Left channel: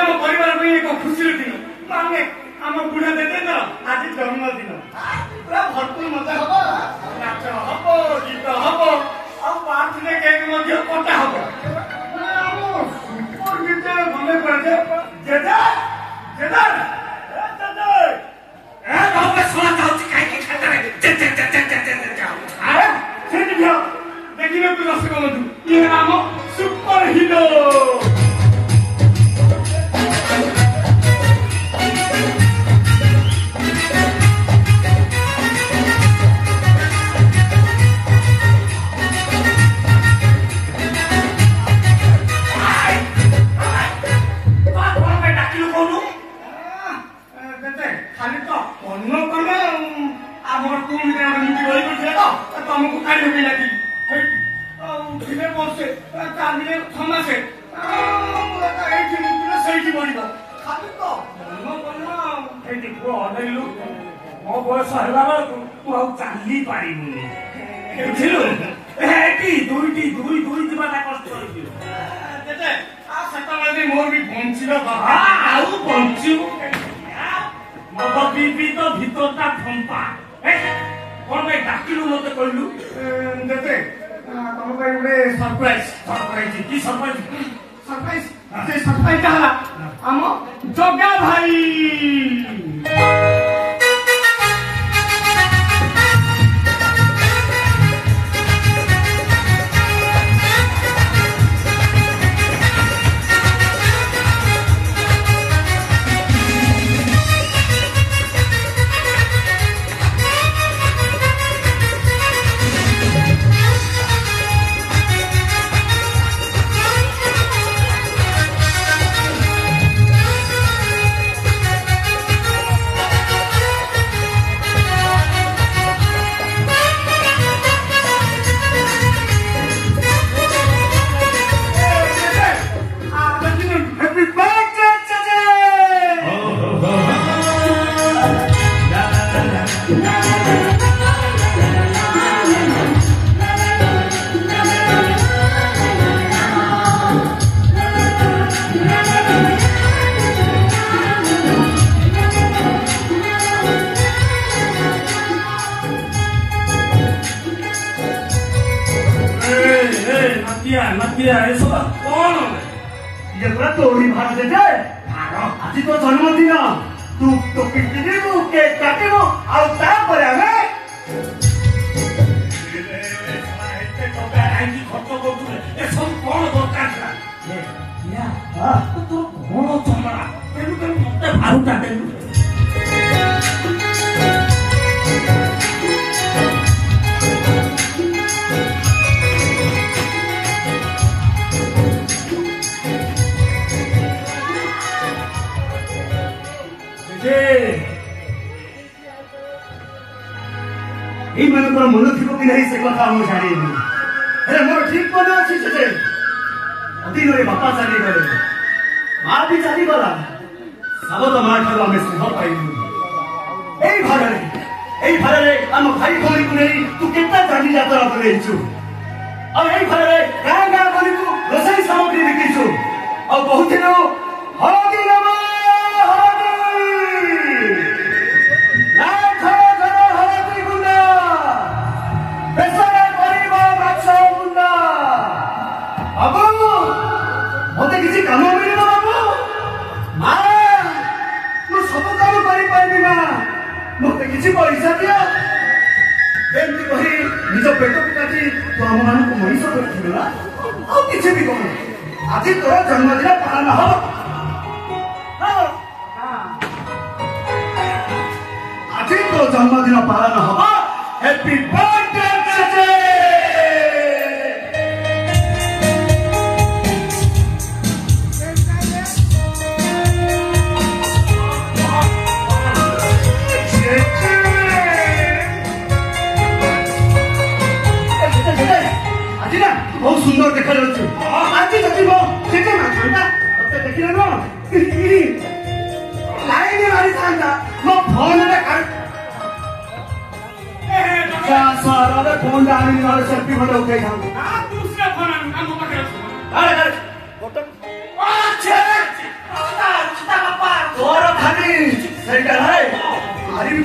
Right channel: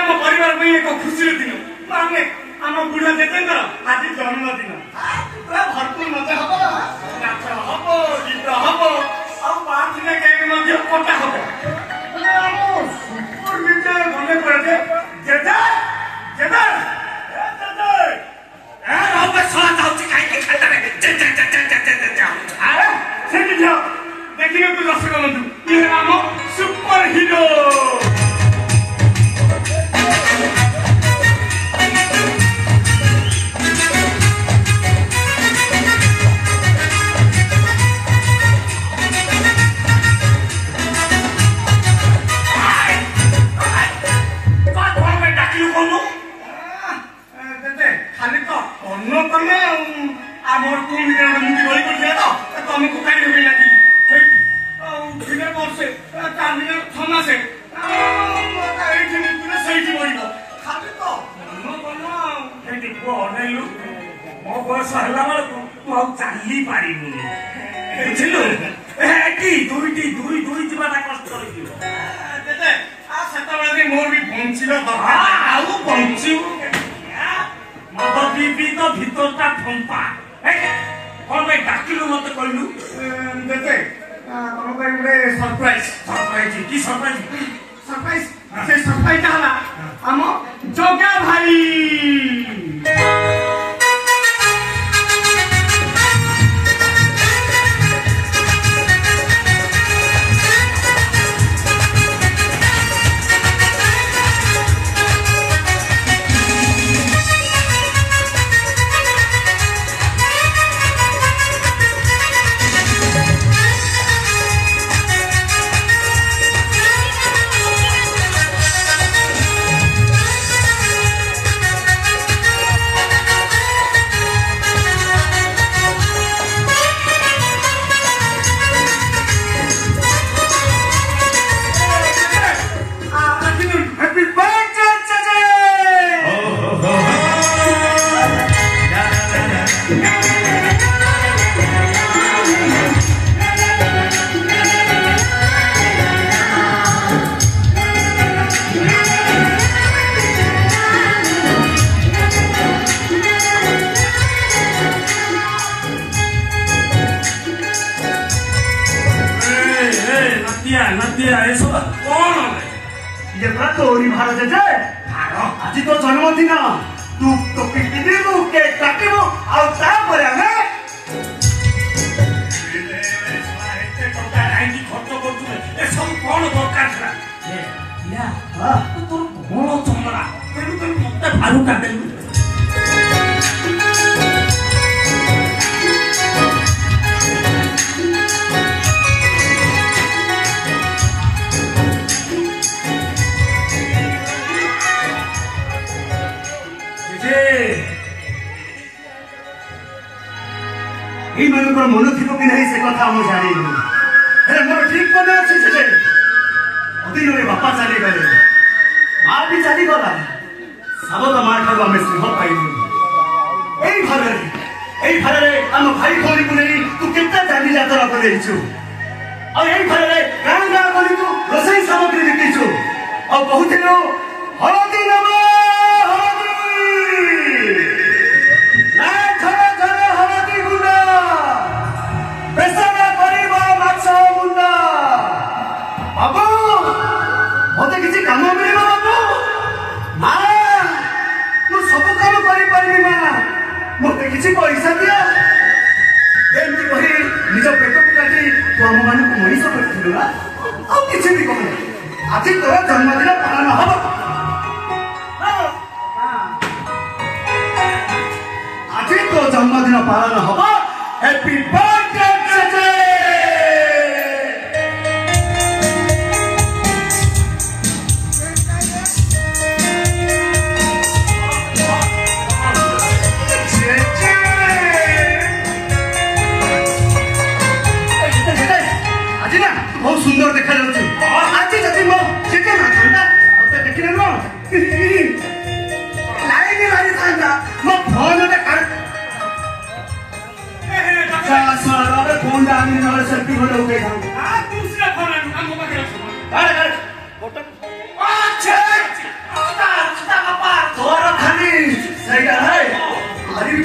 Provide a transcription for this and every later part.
ଆମ ପରିବାର ପାଇଁ ଏକ ଖୁସିର ଦିନ। ମାନେ ଆମ ବୁଢା ଜେଜେଙ୍କର ଆଜି ଜନ୍ମଦିନ। ପୁରା ଭରପୁର ମଜା ହବ, ନାଚ ହବ, ଗୀତ ହବ, ଆଉ ବାର୍ଥଡେ କେକ୍ ମଧ୍ୟ କଟା ହବ। ଆମ ସୁପର ଜେଜେ ମନେ ପଡେ ଯେ ଜେଜେ ଜେଜେ ଦେଖିବାକୁ ଦର୍ଶକ ବନ୍ଧୁ, ଇଏ ଆମ ସୁପର ହିରୋ। ଖାଲି ତ ଅନ୍ନ କଲେ ଆମର ପୁଣି ଗଳି ପଡିଥିଲା ତ ତମକୁ କାହିଁ ଢୁକେଇ ଲାଗିଲି ଥିଲେ ବର୍ଷେ କାନ୍ଦିଲେ ଛମାସେ ଏଇଠି ମୁକ୍ତିରେ ସେଇଠି ମରିବ। ଖାଲି ତ ଅନ୍ନ କଲ ଏଇଠି ପୁଅ ଅନେଇଲୁ, ମୋ ବୟସ ହେଲା ବେଳକୁ ମୁଁ ଆଉ ଚାଲି ପାରିବୁନି ବୁଝିଲୁ। ଏଠି ଦୁଇଟି ଦୁଇ ଦୁଇ ଯିବାଟା କଷ୍ଟ ହେଇଯିବ। ସେତେବେଳେ ମୋର ବି ବଞ୍ଚିଲ ଆଉ ବଞ୍ଚିବୁ ମଦ ପିଇ ତ ଭିତରଟା ଫମ୍ପା। କଣ ପାଇଁ ଡାକିଲୁ ମତେ କହିଲୁ? ଜେଜେ ତମ ପାଇଁ ଗୋଟେ ସରପ୍ରାଇଜ। ସରପ୍ରାଇଜ କି ସରପ୍ରାଇଜ? ସରପ୍ରାଇଜ ସେ ସରପ୍ରାଇଜ ହେଲା ଆମ ଜଗା ଭାଇ। আজি তো জন্মদিন তু টপিক কিনিবু কেক কাটিবু আর তারপরে আমি খরচ করছুলে এসব কଣ দরকার ଥିଲା? তোর କଣ ଚମଡ଼ା ତେଣୁ ତେଣୁ ମତେ ଭାରୁ କାଟେଲୁ। ଏଇମାନଙ୍କର ମନ ଥିବ କି ନାହିଁ ସେ କଥା ମୁଁ ଜାଣିନି, ହେଲେ ମୋର ଠିକ ମନେ ଅଛି ଯେ ଅଦିନରେ ବାପା ଚାଲିଗଲେ, ମା ବି ଚାଲିଗଲା, ସାବତ ମା ଠାରୁ ଆମେ ସ୍ନେହ ପାଇଲୁ। ଏଇ ଘରରେ ଆମ ଭାଇ ଭଉଣୀକୁ ନେଇ ତୁ କେତେ ଜାନି ଯାତ୍ରା ବୁଲେଇଛୁ, ଆଉ ଏଇ ଘରରେ ଗାଁ ଗାଁ ଗଲିକୁ ରୋଷେଇ ସାମଗ୍ରୀ ବିକିଛୁ, ଆଉ କହୁଥିଲୁ ହଳଦୀ ନବ ବାବୁ ମତେ କିଛି କାମ ମିଳିବ ବାବୁ? ମା ମୁଁ ସବୁ କାମ କରିପାରିବି, ମା ମତେ କିଛି ପଇସା ଦିଅ। ଏମିତି କହି ନିଜ ପେଟକୁ କାଟି ତୁ ଆମ ମାନଙ୍କୁ ମଣିଷ କରିଥିଲୁ ନା, ଆଉ କିଛି ବି କହ। ଆଜି ତୋର ଜନ୍ମଦିନ ପାଳନ ହବ, ଆଜି ତୋ ଜନ୍ମଦିନ ପାଳନ ହବ। ହ୍ୟାପି ବାର୍ଥଡେ ଜେଜେ। बहुत सुंदर देखा जाऊँ आज जदि मो सेके नथा मत देखने न लाइन मारी था मो फोन फोन जानी सेल्फी फोटो उठे दूसरा फोन हम पाखे ସେଇଟା ଭାଇ ଆରି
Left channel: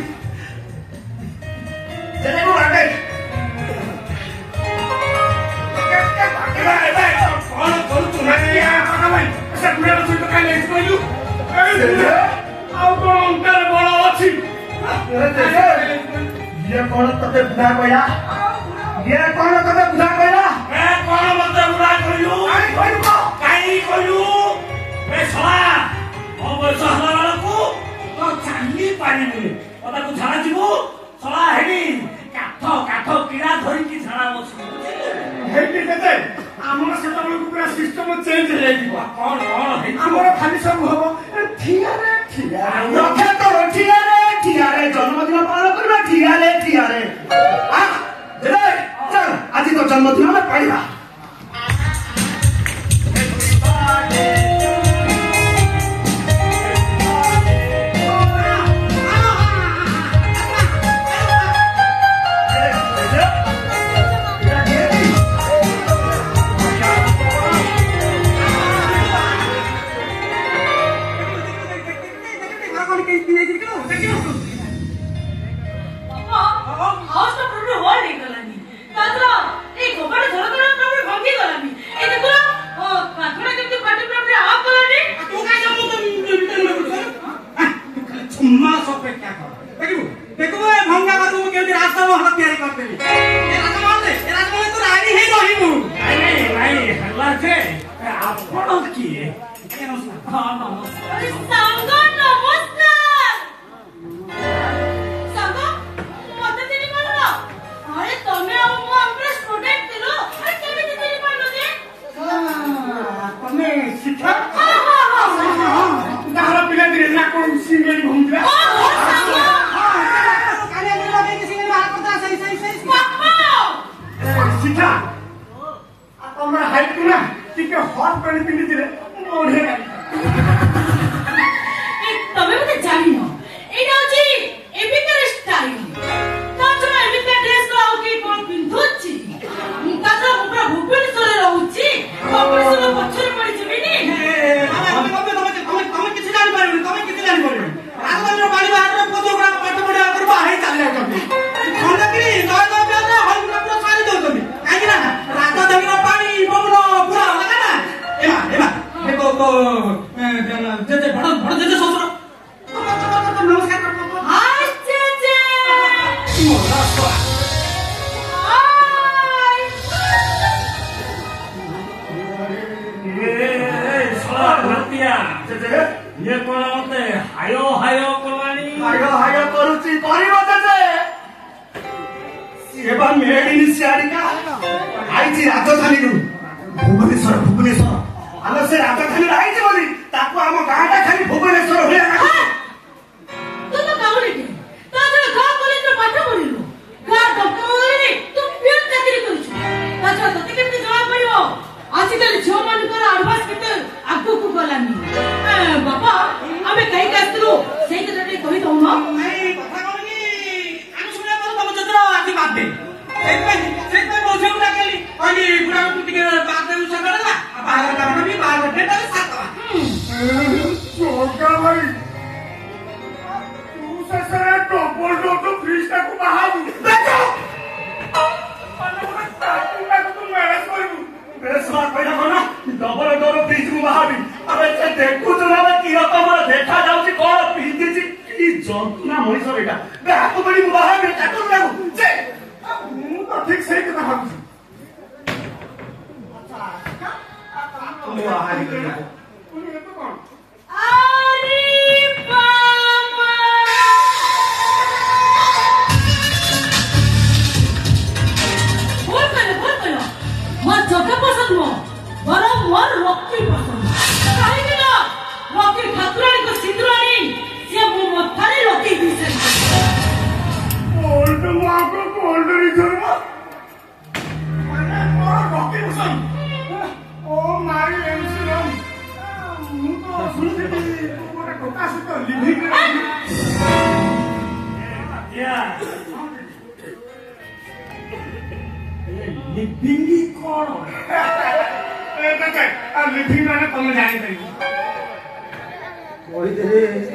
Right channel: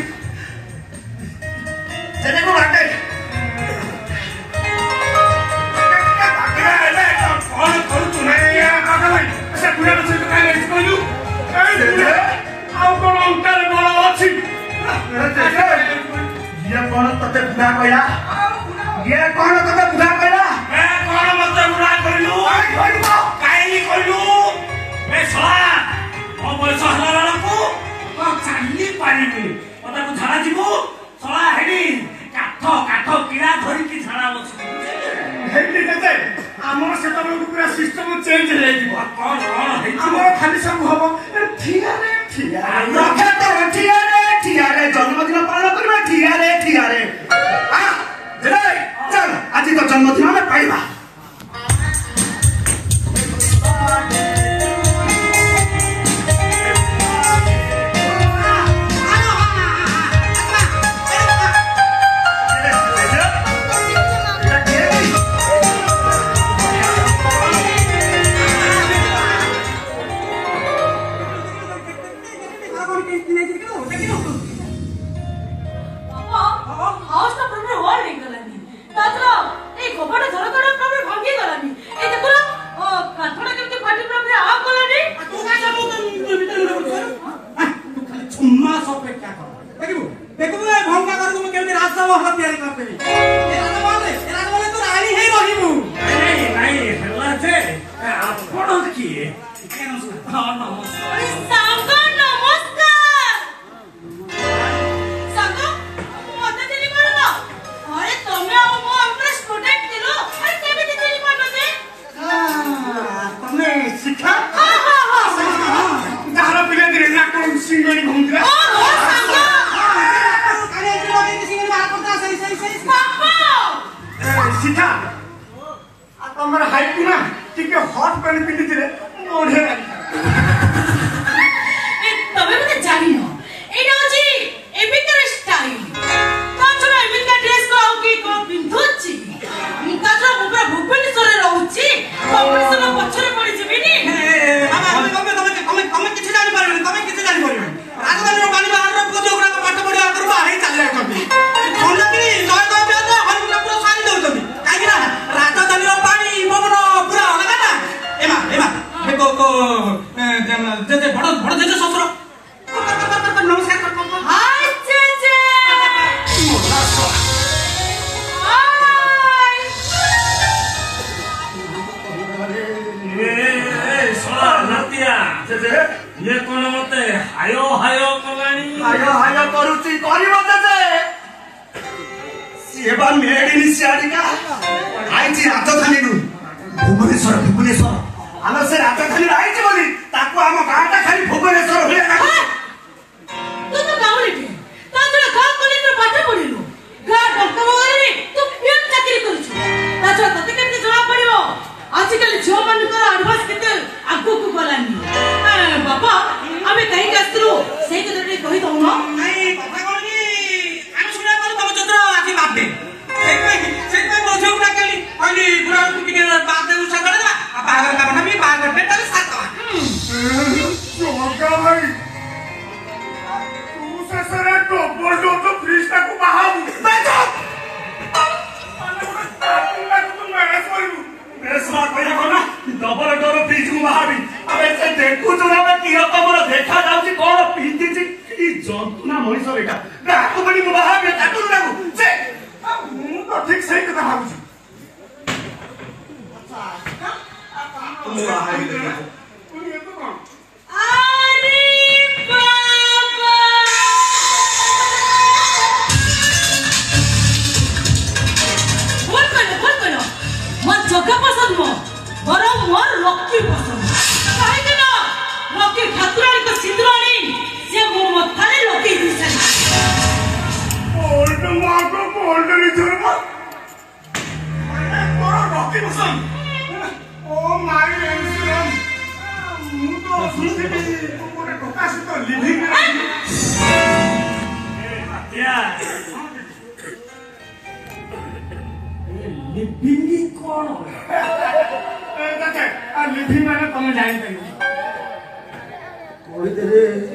ସେଟାକୁ ବାଟେ କଣ କରୁଛୁ ନା ଭାଇ ସେ ବୁଢ଼ାର ସହିତ କାଲି କହିଲୁ ଆଉ କଣ ଅଙ୍କାରେ ବଳ ଅଛି ଇଏ କଣ ତତେ ବୁଢା କହିଲା ଇଏ କଣ ତତେ ବୁଢା କହିଲା କଣ ମତେ ବୁଢା କହିଲୁ କାହିଁକି କହିଲୁ ଏ ଶଳା ମୋ ବୟସ ହେଲା ବେଳକୁ ଚାଲି ପାରିବୁନି ତାକୁ ଝାଡ଼ା ଯିବୁ ଶଳା ହେବି କାଠ କିଣା ଧରିକି ଝାଡ଼ା ବସିବୁ ହେବି କେତେ ଆମର ସେତେବେଳକୁ ପୁରା ସିଷ୍ଟମ ଚେଞ୍ଜ ହେଇଯିବ କଣ ଆମର ଖାଲି ସବୁ ହବ ଠିଆରେ ଜନ୍ମଦିନ ପାଳନ କରିବା ଠିଆରେ ଚାଲ ଆଜି ତ ଜନ୍ମଦିନ ଆମେ ପାଇବା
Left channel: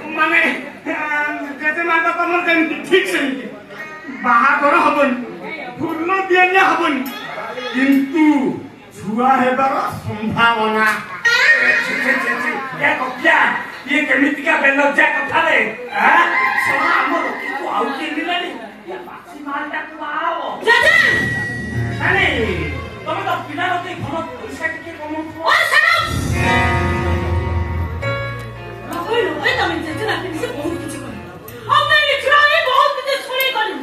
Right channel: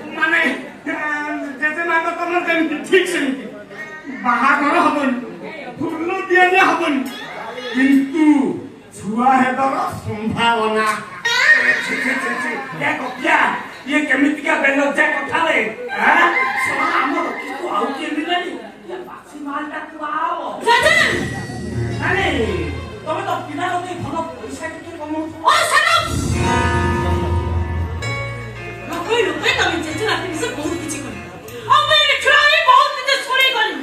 ମାନେ ତ ତମର କେମିତି ଠିକ ସେମିତି ବାହାଘର ହବନି ଫୁଲ ଦିଆନିଆ ହବନି କିନ୍ତୁ ଛୁଆ ହେବାର ସମ୍ଭାବନା ये केमितिका बेलज्जा कथाले हां सला हमर किछु आउ के मिलानी ये बासी मालटा कुआओ जजन अरे तमे तो पिलारो के भलो पैसा के कमौ ओ सनम लोकई लोकई तमे जजन आपन से बहुत कुछ कर अब मैं ट्राई बहुत कुछ सुनी गली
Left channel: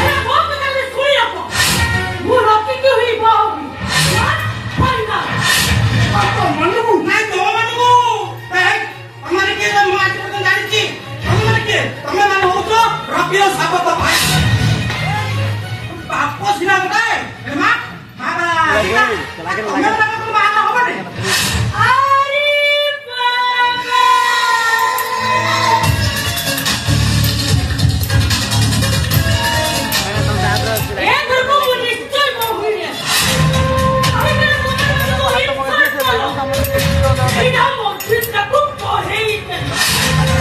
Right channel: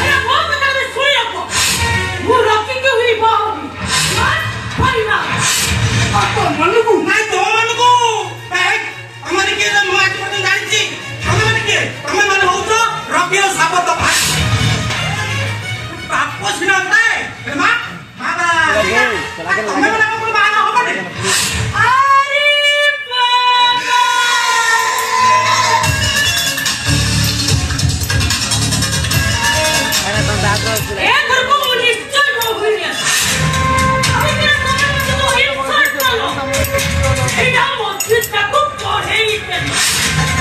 अरे बहुत कुछ सुनी रखो वो रॉकी के हुई बाहोगी यार फाइना बात मनगु नहीं तो मनगु हमारे के ना माटी में जानी छी हमें माने हो तो रॉकीरो साबत भाई बापो सिना बताए मां बाबा चला के हमें माने को बाहर हो बने अरे बाबा ए घर को पुलिस चल हो गई है अरे तो हिट